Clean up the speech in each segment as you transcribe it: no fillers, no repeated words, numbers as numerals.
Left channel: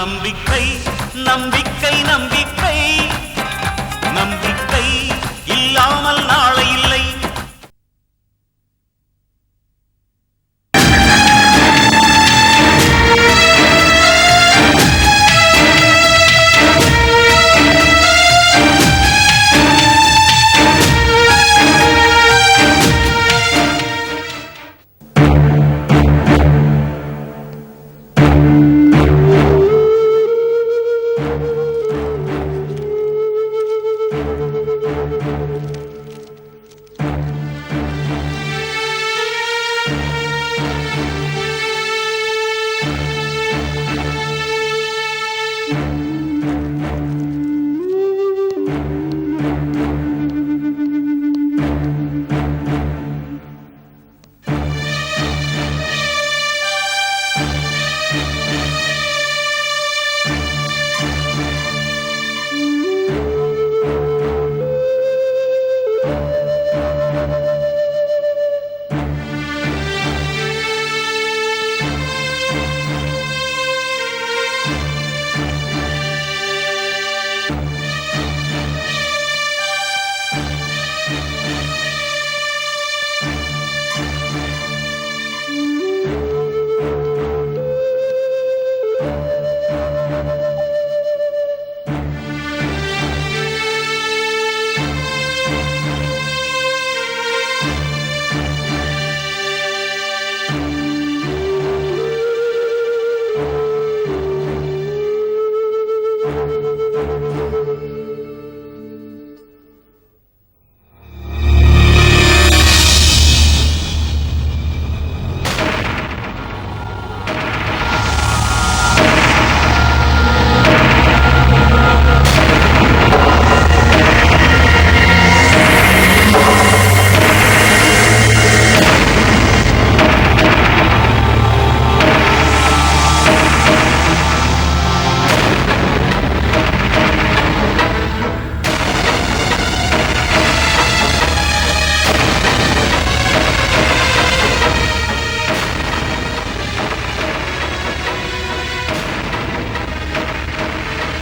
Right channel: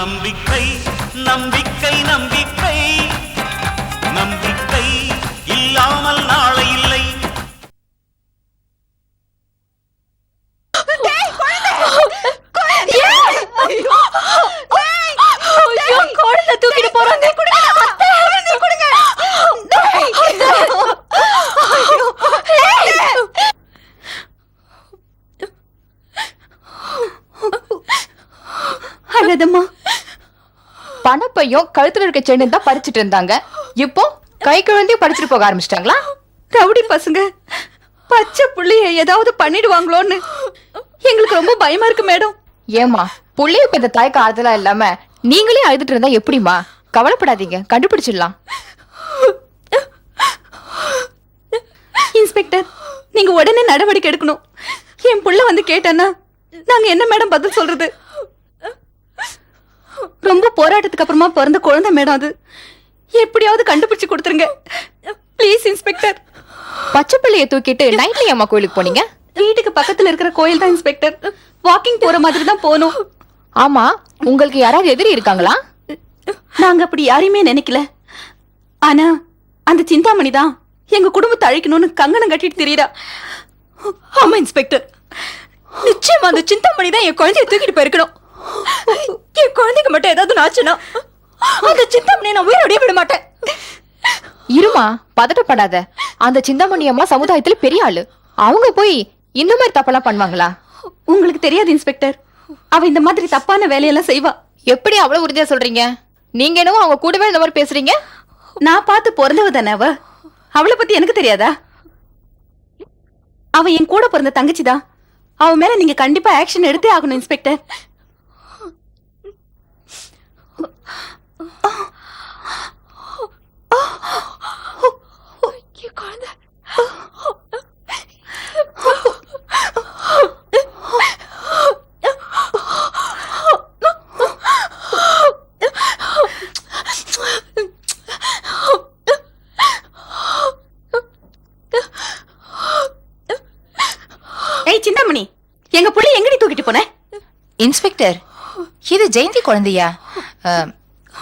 நம்பிக்கை நம்பிக்கை நம்பிக்கை நம்பிக்கை இல்லாமல் நாளை இல்லை. பணப்பையும் கழுத்துல இருக்க சென்னு தான் பறிச்சுட்டு இருந்தாங்க. இப்போ கை குழந்தையும் பறிச்சுட்டு போக ஆரம்பிச்சிட்டாங்களா? ரவுடி பசங்க பச்சை புள்ளைய ஏதாவது பண்ணிடுவாங்களோன்னு எங்களுக்கு ரொம்ப பயமா இருக்கு மேடம். ஏமா புள்ளைய இப்ப இந்த தாய்க்கு ஆதலா இல்லாம நீங்களே அழுதுட்டு இருந்தா எப்படிமா? கவலைப்படாதீங்க, கண்டுபிடிச்சிடலாம். இன்ஸ்பெக்டர், நீங்க உடனே நடவடிக்கை எடுக்கணும். என் புள்ள வந்து கேட்டானா நாங்க என்ன மேடம் பதில் சொல்றது? ரொம்ப போராட்டத்துக்கு அப்புறமா பிறந்த குழந்தை மேடம், அது எப்படியாவது கண்டுபிடிச்சு கொடுத்துருங்க ப்ளீஸ் இன்ஸ்பெக்டர். பச்சை பிள்ளைய தூக்கிட்டு நைட்ல அம்மா கோயிலுக்கு போனீங்க? வீட்டுக்கு பக்கத்துல இருக்கிற கோயில் தான் இன்ஸ்பெக்டர். வாக்கிங் போற மாதிரி தான் போனோம். ஆமா, உங்களுக்கு யாராவது எதிரி இருக்காங்களா? நாங்க அப்படி யாரையுமே நினைக்கல. ஆனா அந்த சிந்தாமணி தான் எங்க குடும்பத்தை அழிக்கணும்னு கங்கணம் கட்டிட்டு தெரியுதா. ஆமா இன்ஸ்பெக்டர், நிச்சயமா அந்த சிந்தாமணி தான் என் குழந்தைய தூக்கிட்டு போயிருக்கணும். என் குழந்தைக்கு மட்டும் ஏதாவது ஆச்சுன்னா அந்த சிந்தாமணியை நான் உயிரோடய விட மாட்டேன். இருமா, பதட்டப்படாத. அந்த சிந்தாமணி அம்மா சமுதாயத்துல பெரிய ஆளு. அவங்க போய் இந்த மாதிரி தப்பெல்லாம் பண்ணுவாங்களா? உங்களுக்கு தெரியாது இன்ஸ்பெக்டர், அவ இந்த மாதிரி தப்பான வேலையெல்லாம் செய்வா. எப்படி அவ்வளவு உறுதியா சொல்றீங்க? நீங்க என்னவோ அவங்க கூடவே இந்த மாதிரி பேசுறீங்க. நான் பார்த்து பிறந்தவ தானே அவ. அவளை பத்தி எனக்கு தெரியாதா? அவ என் கூட பிறந்த தங்கச்சிதான். அவ மேல நீங்க கண்டிப்பா ஆக்ஷன் எடுத்தே ஆகணும் இன்ஸ்பெக்டர். சின்னமணி, எங்க புள்ளி எங்க தூக்கிட்டு போன? இன்ஸ்பெக்டர், இது ஜெயந்தி குழந்தையா?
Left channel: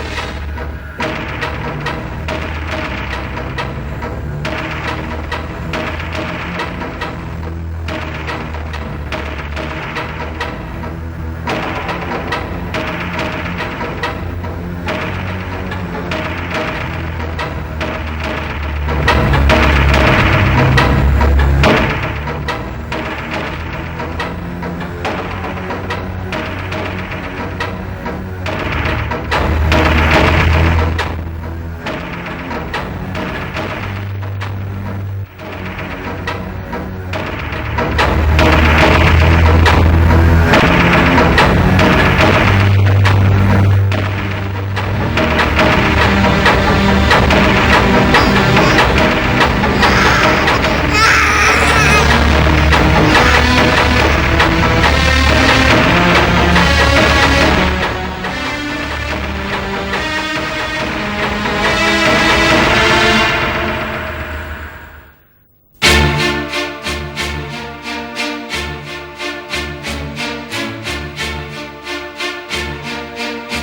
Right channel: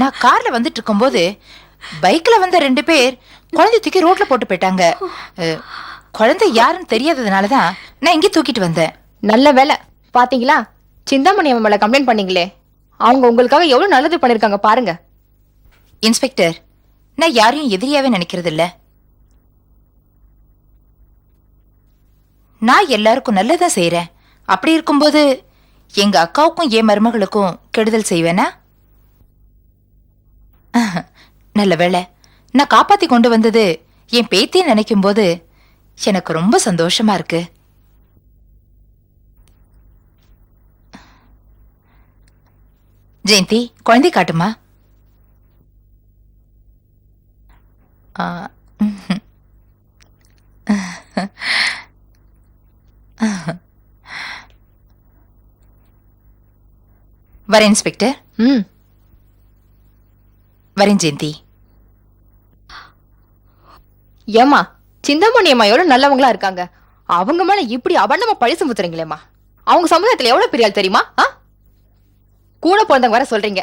நான் கார்ல வந்துட்டு இருக்கும்போது பைக்ல வந்த 2 பேர் குழந்தை தூக்கி ரோட்ல போட்டு போயிட்டாங்க. குழந்தை யாருன்னு தெரியாததுனாலதான் நான் இங்கே தூக்கிட்டு வந்தேன். நல்ல வேலை. பாத்தீங்களா, சிந்தாமணி அவங்க மேல கம்ப்ளைண்ட் பண்ணீங்களே, அவங்க உங்களுக்காக எவ்வளவு நல்லது பண்ணிருக்காங்க பாருங்க. இன்ஸ்பெக்டர், நான் யாரையும் எதிரியாவே நினைக்கிறது இல்ல. நான் எல்லாருக்கும் நல்லதான் செய்யறேன். அப்படி இருக்கும்போது எங்க அக்காவுக்கும் என் மருமகளுக்கும் கெடுதல் செய்வேனா? நல்ல வேலை, நான் காப்பாத்தி கொண்டு வந்தது என் பேத்தியை நினைக்கும் போது எனக்கு ரொம்ப சந்தோஷமா இருக்கு. ஜெயந்தி, குழந்தை காட்டுமா? வரேன் இன்ஸ்பெக்டர். வரேன் ஜெயந்தி. ஏமா, சிந்தாமணி அம்மா எவ்வளவு நல்லவங்களா இருக்காங்க. அவங்க மேல இப்படி அவனமா பழி சுமத்துறீங்களேம்மா. அவங்க சமுதாயத்துல எவ்வளவு பெரிய ஆள் தெரியுமா? கூட பிறந்தவங்க வர சொல்றீங்க.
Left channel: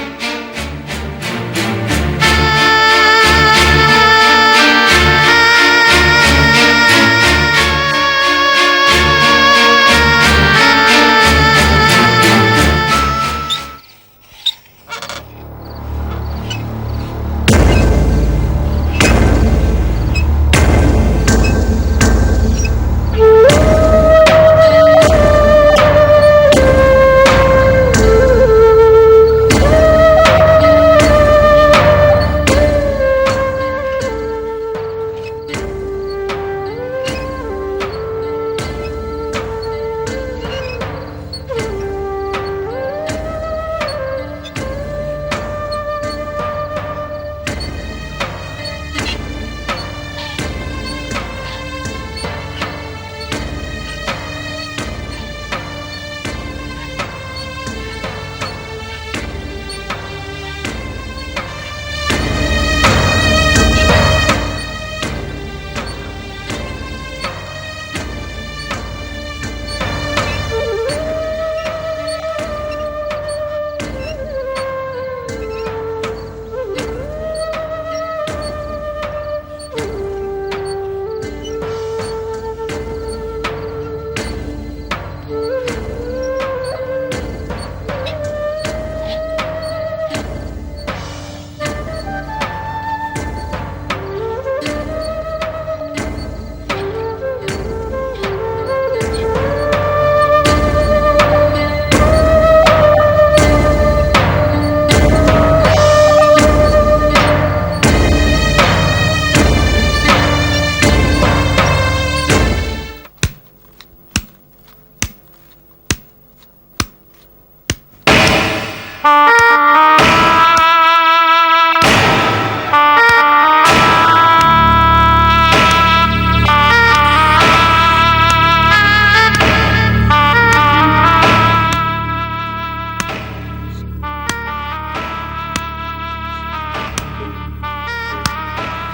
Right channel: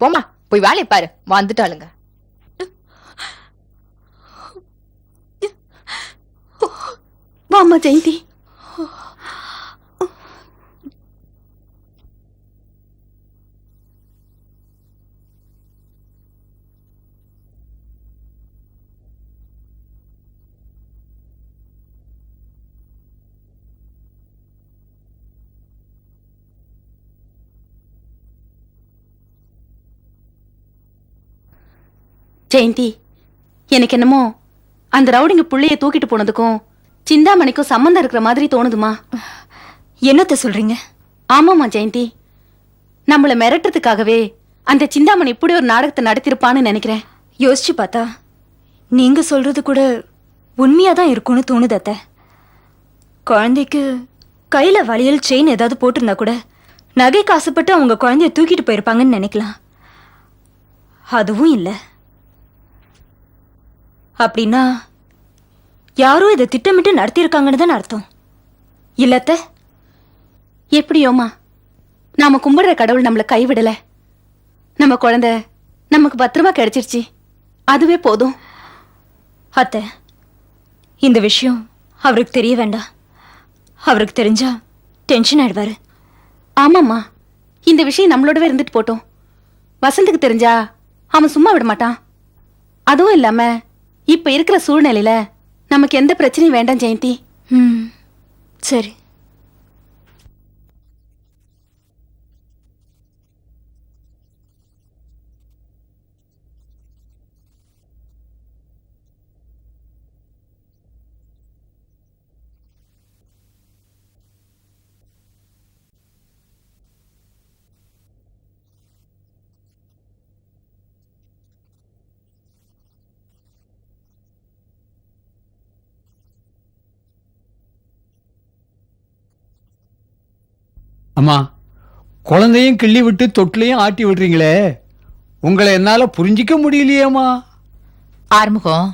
போமா, போய் வேலையை பாரு. வந்துட்டாரு. ஆமா ஜெயந்தி, எனக்கு என்னமோ அந்த ரவுடிங்க புள்ளைய தூக்கிட்டு போனதுக்கும் சிந்தாமணிக்கும் சம்பந்தம் இருக்கிற மாதிரி தோணுதுமா. என்னத்த சொல்றீங்க? ஆமாமா ஜெயந்தி, நம்மள மிரட்டுறதுக்காகவே அந்த சிந்தாமணி இப்படி ஒரு நாடகத்தை நடத்திருப்பான்னு நினைக்கிறேன். யோசிச்சு பார்த்தா நீங்க சொல்றது கூட உண்மையாதான் இருக்கும்னு தோணுது அத்தை. குழந்தைக்கு கையில வளையல் செயின் ஏதாவது போட்டிருந்தா கூட நகைக்கு ஆசைப்பட்டு அவங்க குழந்தைய தூக்கிட்டு போயிருப்பாங்கன்னு நினைக்கலாம். அதுவும் இல்லை. அப்படின்னா யாரோ இதை திட்டமிட்டு நடத்திருக்காங்கன்னு தான் அர்த்தம். இல்லத்த எப்படியோமா, நாம கும்பிடுற கடவுள் நம்மள கைவிடல. நம்ம குழந்தை நமக்கு பத்திரமா கிடைச்சிருச்சு, அதுவே போதும். அத்தை, இந்த விஷயம் அவருக்கு தெரிய வேண்டாம். அவருக்கு தெரிஞ்சா டென்ஷன் ஆயிடுவாரு. ஆமாம்மா, இந்த விஷயம் நம்மளோடவே இருந்துட்டு போட்டோம். வசந்துக்கு தெரிஞ்சா அவன் சும்மா விட மாட்டான். அதுவும் இல்லாம இப்ப இருக்கிற சூழ்நிலையில நமக்கு எந்த பிரச்சனையும் வேண்டாம் ஜெயந்தி. சரி. குழந்தையும் கிள்ளி விட்டு தொட்டிலையும் ஆட்டி விடுறீங்களே, உங்களை என்னால புரிஞ்சிக்க முடியலையேம்மா. ஆரம்பம்,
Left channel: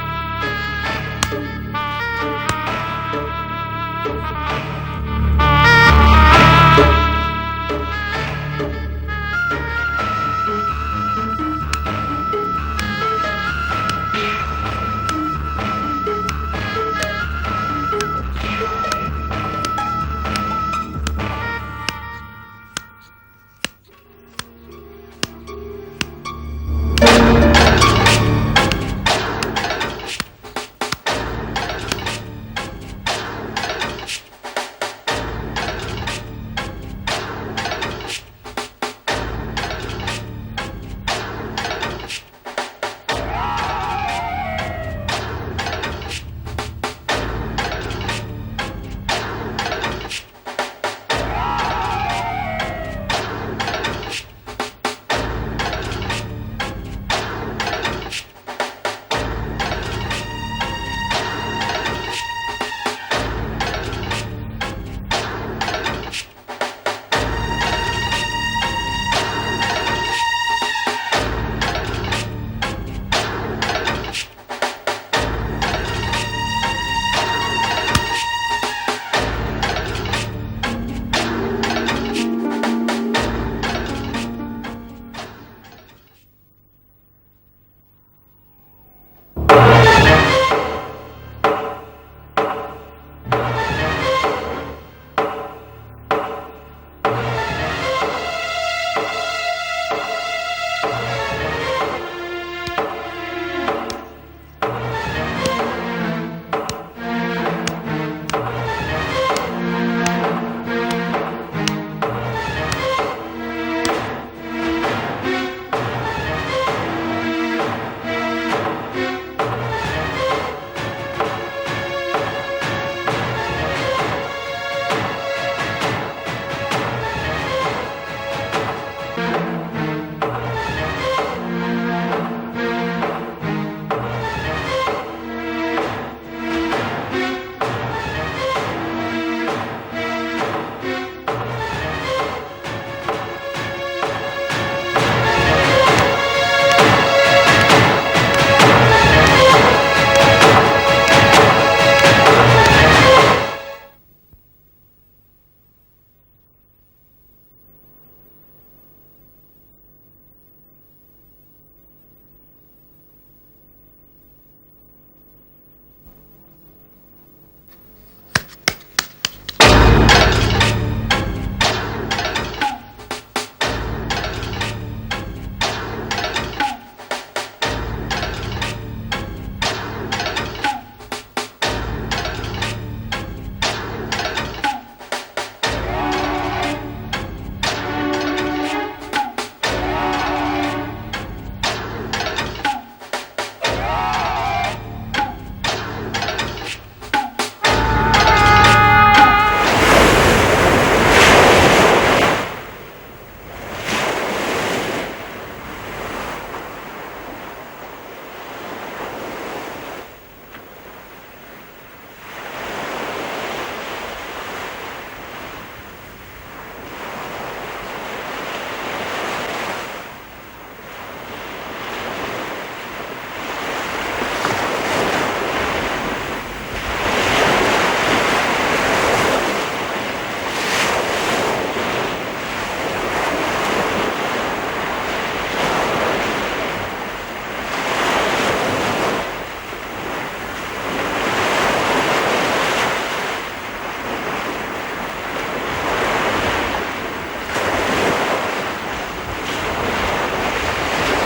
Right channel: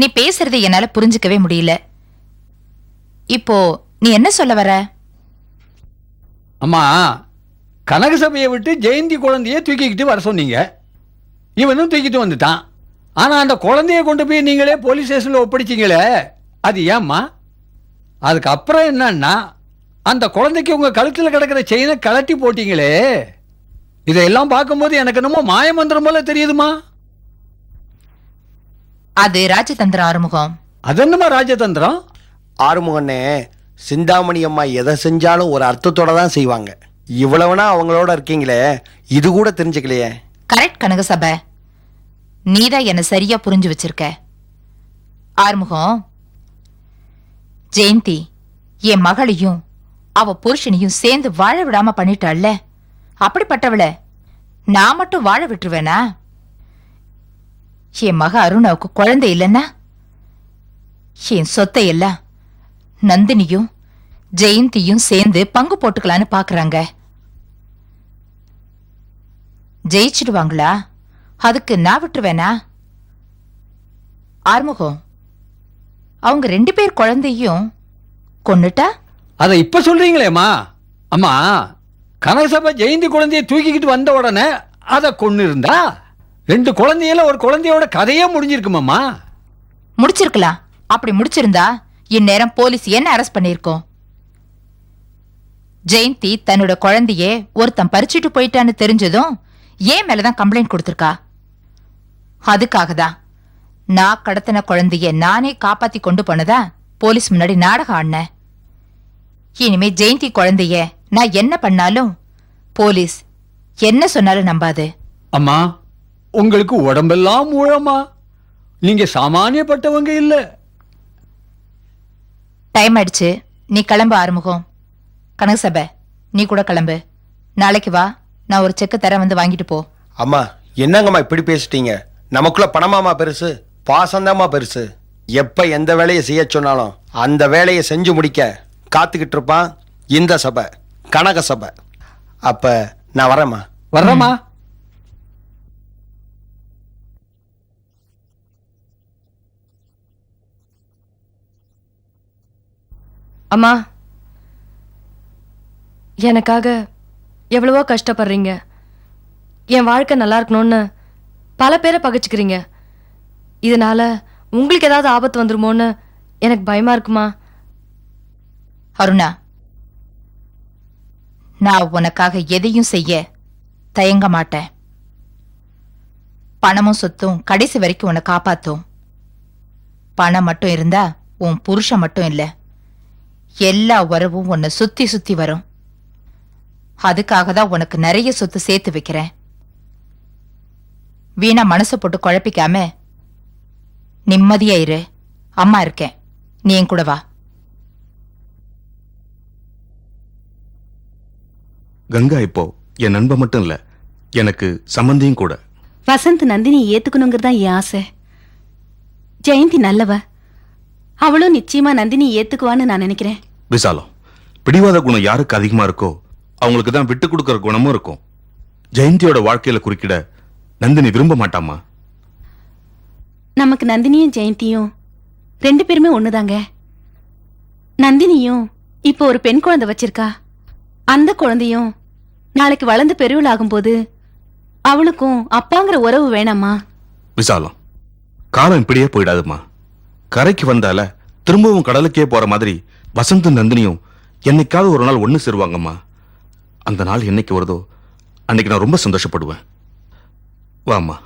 நீ பேசுறது என்னால புரிஞ்சுக்கவே முடியல. இப்போ நீ என்ன சொல்ல வர? அம்மா, கனக சபையை விட்டு ஜெயந்தி குழந்தைய தூக்கிக்கிட்டு வர சொன்னீங்க. இவனும் தூக்கிட்டு வந்துட்டான். ஆனா அந்த குழந்தைய கொண்டு போய் நீங்களே போலீஸ் ஸ்டேஷன்ல ஒப்படைச்சிங்களே, அது ஏம்மா? அதுக்கப்புறம் என்னன்னா, அந்த குழந்தைக்கு உங்க கழுத்துல கிடக்கிற செயினை கலட்டி போட்டீங்களே. இதெல்லாம் பார்க்கும்போது எனக்கு என்னமோ மாயமந்திரம் போல தெரியுதுமா. அது ராஜதந்திரம் ஆறுமுகம். அது என்னமா ராஜதந்திரம்? ஆறுமுகனே, சிந்தாமணி அம்மா எதை செஞ்சாலும் ஒரு அர்த்தத்தோட தான் செய்வாங்க. இவ்வளவுனா அவங்களோட இருக்கீங்களே, இது கூட தெரிஞ்சுக்கலையே. கரெக்ட் கனகசபை, நீதான் என்ன சரியா புரிஞ்சு வச்சிருக்க. ஆறுமுகம், ஜெயந்தி என் மகளையும் அவ புருஷனையும் சேர்ந்து வாழ விடாம பண்ணிட்டாள்ல, அப்படிப்பட்டவளை நான் மட்டும் வாழ விட்டுருவேனா? என் மக அருணாவுக்கு குழந்தை இல்லைன்னா என் சொத்தை எல்லாம் நந்தினியும் ஜெயந்தியும் சேர்ந்து பங்கு போட்டுக்கலான்னு பாக்குறாங்க. ஜெயிச்சிடுவாங்களா? அதுக்கு நான் விட்டுருவேனா? ஆறுமுகம், அவங்க 2 பேர் குழந்தையும் கொண்டுட்டா? அதை இப்ப சொல்றீங்களேம்மா. அம்மா, கனகசபை ஜெயந்தி குழந்தைய தூக்கிக்கிட்டு வந்த உடனே அதை கொண்டு இருந்தா 2 குழந்தையில ஒரு குழந்தையோட கதையே முடிஞ்சிருக்குமாம்மா. முடிச்சிருக்கலாம். அப்படி முடிச்சிருந்தா இந்நேரம் போலீஸ் என்ன அரெஸ்ட் பண்ணிருக்கோம். ஜெயந்தி தன்னோட குழந்தைய ஒருத்தன் பறிச்சுட்டு போயிட்டான்னு தெரிஞ்சதும் ஏன் மேலதான் கம்ப்ளைண்ட் கொடுத்திருக்கா. அதுக்காக தான் நான் கடத்தின குழந்தைய நானே காப்பாத்தி கொண்டு போனதா போலீஸ் முன்னாடி நாடகம் ஆடினேன். இனிமே ஜெயந்தி குழந்தைய நான் என்ன பண்ணாலும் போலீஸ் என்ன சொன்னாலும் நம்பாது. அம்மா, உங்களுக்கு உடம்பெல்லாம் மூலமா, நீங்க சாமானியப்பட்டவங்க இல்ல. டைம் ஆயிடுச்சு, நீ கிளம்ப ஆரம்பிக்கும். கனகசபை, நீ கூட கிளம்பு. நாளைக்கு வா, நான் ஒரு செக்கு தர, வந்து வாங்கிட்டு போ. அம்மா, என்னங்கம்மா இப்படி பேசிட்டீங்க? நமக்குள்ள பணமாமா பெருசு, பாசந்தாமா பெருசு. எப்ப எந்த வேலையை செய்ய சொன்னாலும் அந்த வேலையை செஞ்சு முடிக்க காத்துக்கிட்டு இருப்பான் இந்த சபை, கனக சபை. அப்ப நான் வரேம்மா. வர்றேம்மா. அம்மா, எனக்காக எவ்வளவோ கஷ்டப்படுறீங்க. என் வாழ்க்கை நல்லா இருக்கணும்னு பல பேரை பகைச்சுக்கிறீங்க. இதனால உங்களுக்கு ஏதாவது ஆபத்து வந்துருமோன்னு எனக்கு பயமா இருக்குமா? அருணா, நான் உனக்காக எதையும் செய்ய தயங்க மாட்டேன். பணமும் சொத்தும் கடைசி வரைக்கும் உன்னை காப்பாற்றும். பணம் மட்டும் இருந்தா உன் புருஷன் மட்டும் இல்ல, எல்லா உறவும் உன்னை சுத்தி சுத்தி வரும். அதுக்காக தான் உனக்கு நிறைய சொத்து சேர்த்து வைக்கிறேன். வீணா மனசு போட்டு குழப்பிக்காம நிம்மதியா இரு. அம்மா இருக்கேன், நீ என் கூட வா. கங்கா இப்போ என் நண்பன் மட்டும் இல்ல, எனக்கு சம்பந்தியும் கூட. வசந்த் நந்தினி ஏத்துக்கணுங்கிறதா என் ஆசை. ஜெயந்தி நல்லவ, அவளும் நிச்சயமா நந்தினி ஏத்துக்குவான்னு நான் நினைக்கிறேன். விசாலம், பிடிவாத குணம் யாருக்கு அதிகமா இருக்கோ அவங்களுக்கு தான் விட்டு கொடுக்கற குணமும் இருக்கும். ஜெயந்தியோட வாழ்க்கையில குறுக்கிட நந்தினி விரும்ப மாட்டாமா. நமக்கு நந்தினியும் ஜெயந்தியும் 2 பேருமே ஒண்ணுதாங்க. நந்தினியும் இப்போ ஒரு பெண் குழந்தை வச்சிருக்கா. அந்த குழந்தையும் நாளைக்கு வளர்ந்து பெருவில் ஆகும்போது அவளுக்கும் அப்பாங்கிற உறவு வேணாமா? விசாலம், காலம் இப்படியே போயிடாதுமா. கரைக்கு வந்தால திரும்பவும் கடலுக்கே போற மாதிரி வசந்தும் நந்தினியும் என்னைக்காவது ஒரு நாள் ஒண்ணு சேருவாங்கம்மா. அந்த நாள் என்னைக்கு வருதோ அன்னைக்கு நான் ரொம்ப சந்தோஷப்படுவேன். வாமா.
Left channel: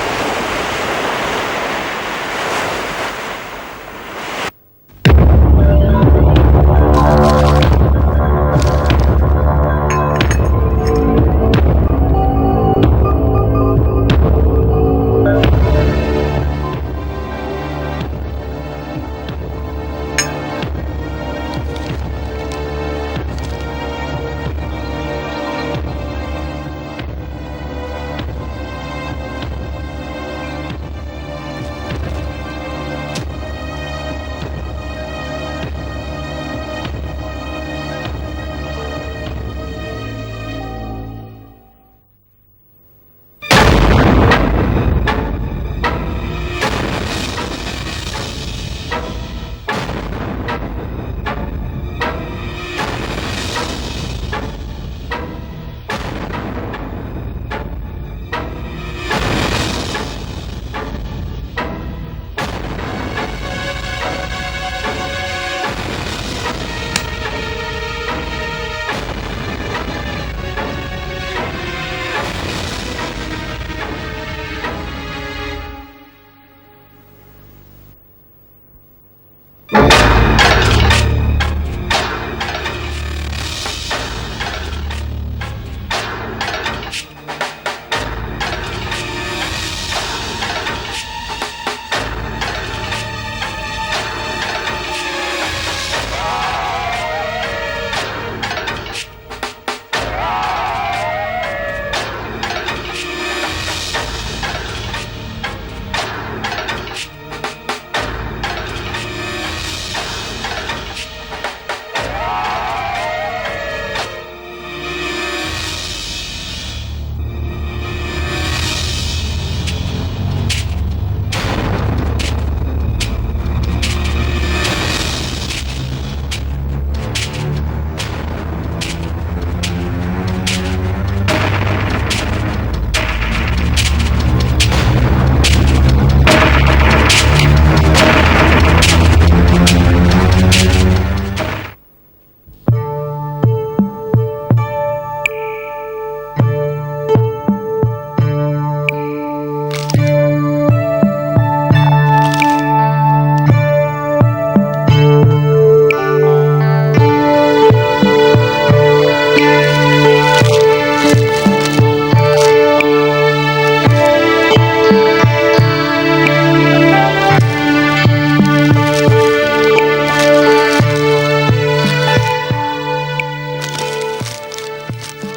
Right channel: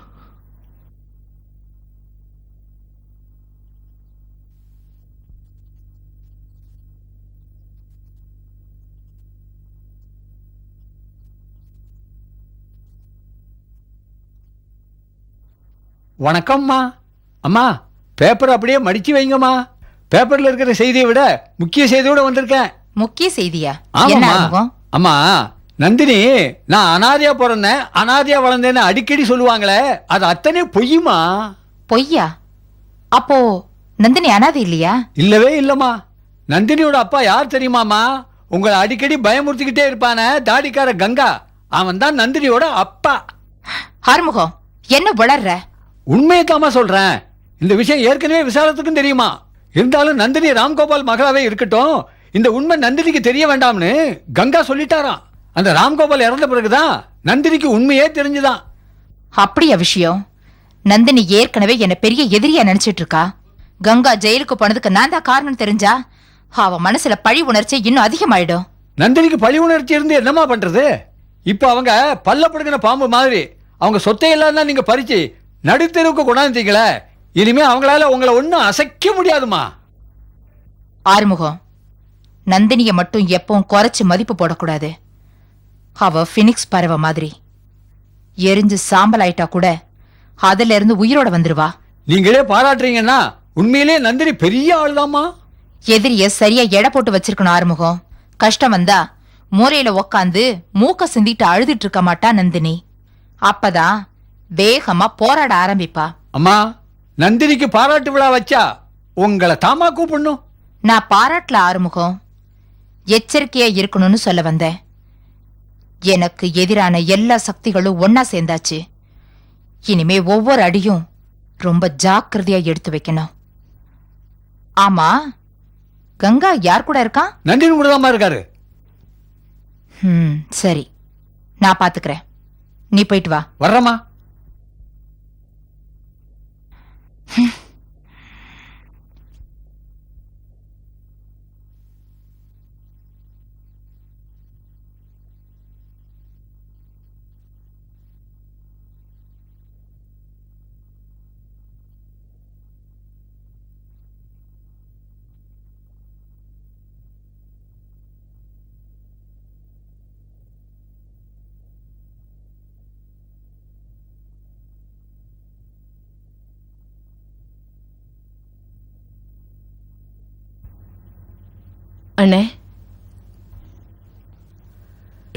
வணக்கம்மா. அம்மா, பேப்பர் அப்படியே மடிச்சு வைங்கம்மா. பேப்பர்ல இருக்கிற செய்தியை விட முக்கிய செய்தியோட வந்திருக்கேன். முக்கிய செய்தியா? என்ன ஆமாம்மா. ஆர்முகம்? அம்மா, நந்தினி நான் அனாதையா பிறந்தேன், அனாதையா வளர்ந்தேன்னு அடிக்கடி சொல்லுவாங்களே, அது அத்தனை பொய்யுமா? பொய்யா? அப்போ நந்தினி அனாதை இல்லையா? இல்லவே இல்லம்மா. நந்தினியோட அப்பா யார் தெரியுமாமா? உங்களை அடிக்கடி பயமுறுத்திக்கிட்டே இருப்பானே தாடிக்கார கங்கா, அவன் தான் நந்தினியோட அப்பா. ஆர்முகம், என்ன வளர்ற? உண்மையை தாமா சொல்றேன். இந்த விஷயம் ஏற்கனவே விசாரத்துக்கும் தெரியுமா? இருந்தாலும் நந்தினி ராம்கோபால் மகளாவே இருக்கட்டும், இந்த உண்மை நந்தினிக்கு தெரிய வேண்டாம்னு கங்கா சொல்லிட்டாராம். அந்த ராம்கோபால் இறந்த பிறகுதான் நந்தினிக்கு உண்மையே தெரிஞ்சுதான். அப்படியா விஷயம்? நந்தினி ஏற்கனவே என்ன பெரிய எதிரியா நினைச்சிட்டு இருக்கா. கங்கா ஜெயிலுக்கு போனதுக்கு நான் தான் காரணம் தெரிஞ்சா அவ மனசுல பழி உணர்ச்சி இன்னும் அதிகமாயிடும். நந்தினிக்கு பழி உணர்ச்சி இருந்து என்னமா பண்றது? இப்போ அவங்க பல்லப்படுகிற பாம்பு மாதிரி அவங்க சொத்தையெல்லாம் தான் நீங்க பறிச்சு நடுத்தெருவுக்கு கொண்டாந்தீங்களே, இனிமே அவங்களால உங்களை ஒன்னும் அசைக்க முடியாதுமா. ஆறுமுகம், நந்தினிய மட்டும் எப்பவும் குறைச்சு மதிப்பு போடக்கூடாது. அவ பினிக்ஸ் பறவை மாதிரி எரிஞ்சு சாம்பல் ஆயிட்டா கூட அதுல இருந்து உயிரோட வந்துருவா. நீங்களே பாராட்டுறீங்கன்னா உண்மையிலே நந்தினி பெரிய ஆள்தாமா. எதிரிய சரியா எடை போட்டு வச்சிருக்கணும் ஆறுமுகம். கஷ்டம் வந்தா மூரையில உக்காந்து மூக்க சிந்திட்டு அழுதுட்டு இருக்க மாட்டா நந்தினி. அப்பதான் வேகமா போராட ஆரம்பிப்பா. அம்மா, நந்தினிக்கு பாராட்டு விழா வச்சா உங்களை தாமா கூப்பிடணும். நான் பாராட்டல ஆறுமுகம், எச்சரிக்கையா இருக்கணும்னு சொல்ல வந்தேன். எனக்கு எதிரான எல்லா சக்திகளும் ஒன்னா சேர்ந்தாச்சு. இனிமே ஒவ்வொரு அடியும் ரொம்ப ஜாக்கிரதையா எடுத்து வைக்கணும். ஆமா, கங்கா யார் கூட இருக்கா? நந்தினி கூட தான் இருக்காரு. சரி, நான் பாத்துக்கிறேன். நீ போயிட்டு வா. வர்றமா.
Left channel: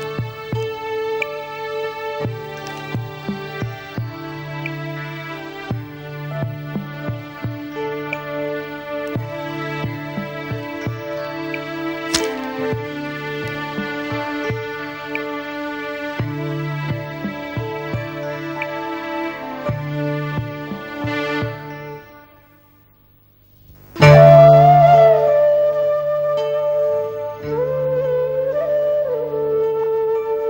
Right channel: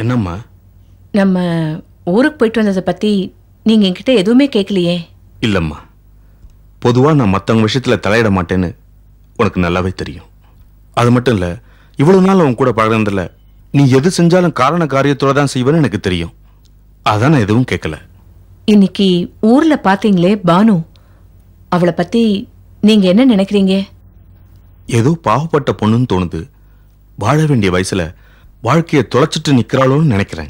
என்னம்மா? நம்ம ஊருக்கு போயிட்டு வந்ததை பத்தி நீங்க என்கிட்ட எதுவுமே கேட்கலையே. இல்லம்மா, பொதுவா நான் மத்தவங்க விஷயத்துல தலையிட மாட்டேன்னு உனக்கு நல்லாவே தெரியும். அது மட்டும் இல்ல, இவ்வளவு நாள் உன் கூட பழகுனதுல நீ எது செஞ்சாலும் காரண காரியத்தோட தான் செய்வேன்னு எனக்கு தெரியும். அதான் நான் எதுவும் கேட்கல. இன்னைக்கு ஊர்ல பாத்தீங்களே பானு, அவளை பத்தி நீங்க என்ன நினைக்கிறீங்க? ஏதோ பாவப்பட்ட பொண்ணுன்னு தோணுது. வாழ வேண்டிய வயசுல வாழ்க்கையை தொலைச்சிட்டு நிக்கிறாளோன்னு நினைக்கிறேன்.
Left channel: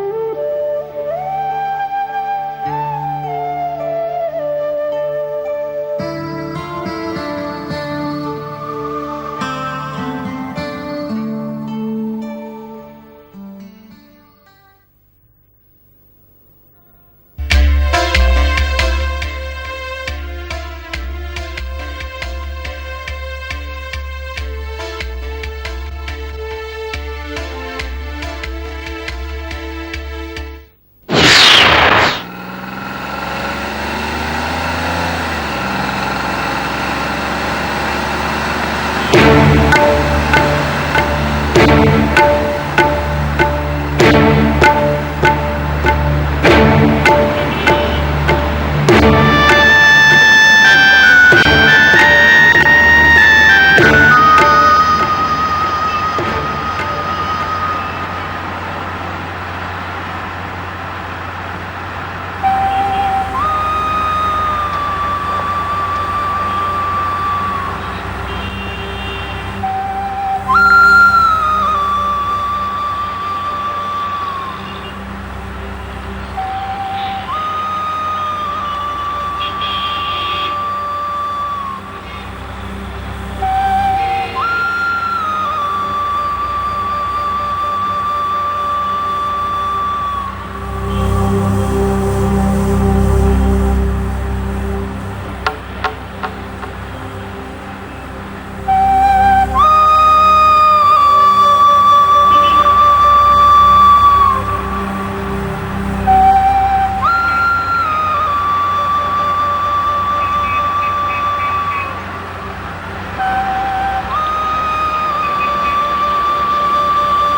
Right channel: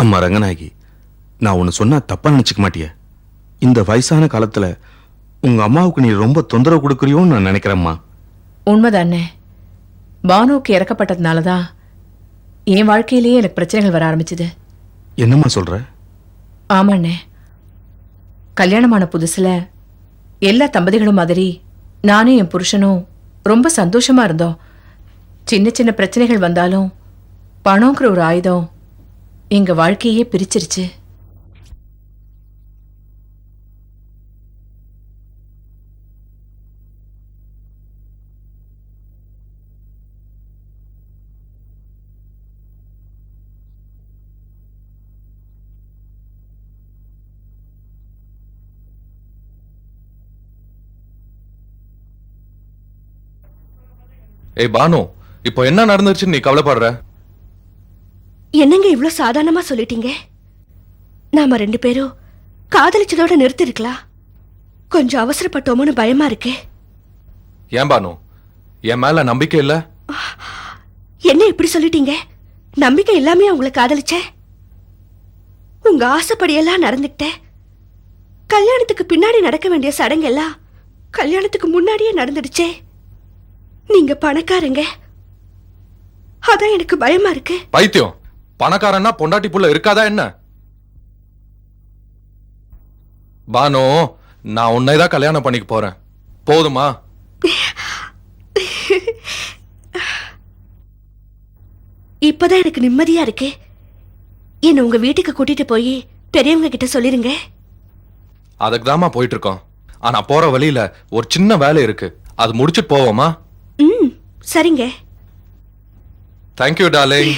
அம்மா ரங்கநாயகி, நான் ஒன்னு சொன்னா தப்பா நினைச்சுக்க மாட்டியா? இந்த வயசான காலத்துல உங்க அம்மாவுக்கு நீ ரொம்ப தொந்தரவு கொடுக்குறியோன்னு நான் நினைக்கிறேம்மா. உண்மைதானே, பானுவுக்கு இறக்கப்பட்டதுனாலதான் என் வாழ்க்கையிலேயே எனக்கு பிரச்சனைகள் வர ஆரம்பிச்சது. என்னம்மா சொல்ற? ஆமாண்ணே, கல்யாணமான புதுசுல எல்லா தம்பதிகளும் மாதிரி நானும் என் புருஷனும் ரொம்ப சந்தோஷமா இருந்தோம். சின்ன சின்ன பிரச்சனைகள் வந்தாலும் பணங்கிற ஒரு ஆயுதம் எங்க வாழ்க்கையே பிரிச்சிருச்சு. பானு, இப்போ என்ன நடந்துச்சுன்னு நீ கவலைப்படுற? என்னங்க இவ்வளவு சாதாரணமா சொல்லிட்டீங்க? நாம ரெண்டு பேரும் காதலிச்சதோட நிறுத்திருக்கலாம். கொஞ்சம் அவசரப்பட்டோமோன்னு பயமா இருக்கே. ஏன் பானு, என் மேல நம்பிக்கை இல்ல? என்ன இப்படி சொல்லிட்டீங்க? நம்பிக்கை இல்லாம உங்களை காதலிச்சேன். உங்க ஆசைப்படியெல்லாம் நடந்துட்டேன். கல்யாணத்துக்கு பின்னாடி நடக்க வேண்டிய சடங்கெல்லாம் கல்யாணத்துக்கு முன்னாடியே நடந்துடுச்சே. நீங்க பணக்காரங்க, அதான் எனக்கு பயமா இருக்கு. பைத்தியம், பணக்காரன்னா பொண்டாட்டி புள்ள இருக்காதா என்ன? பானு, நான் உன்னைதான் கல்யாணம் பண்ணிக்க போறேன், போதுமா? இப்பதான் எனக்கு நிம்மதியா இருக்கு. என்ன உங்க வீட்டுக்கு கூட்டிட்டு போய் பெரியவங்க கிட்ட சொல்லிருங்க. அதுக்குதாம்மா போயிட்டு இருக்கோம். ஆனா போற வழியில ஒரு சின்ன வேலை இருக்கு, அது முடிச்சிட்டு போவோமா? சரிங்க. Thank you darling.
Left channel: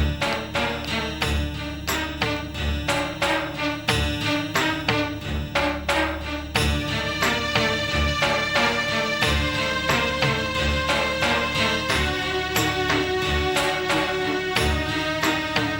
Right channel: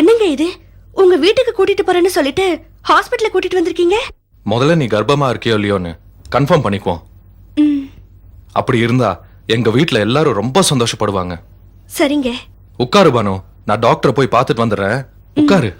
என்னங்க இது? உங்க வீட்டுக்கு கூட்டிட்டு போறேன்னு சொல்லிட்டு ஹாஸ்பிடல்ல கூட்டிட்டு வந்திருக்கீங்க. முதல்ல நீ கர்ப்பமா இருக்கியோ இல்லையோன்னு கன்ஃபார்ம் பண்ணிக்குவோம். அப்படி இருந்தா எங்க வீட்ல எல்லாரும் ரொம்ப சந்தோஷப்படுவாங்க. சரிங்க. உட்காரு பானு, நான் டாக்டரை போய் பார்த்துட்டு வந்துடுறேன். உட்காரு.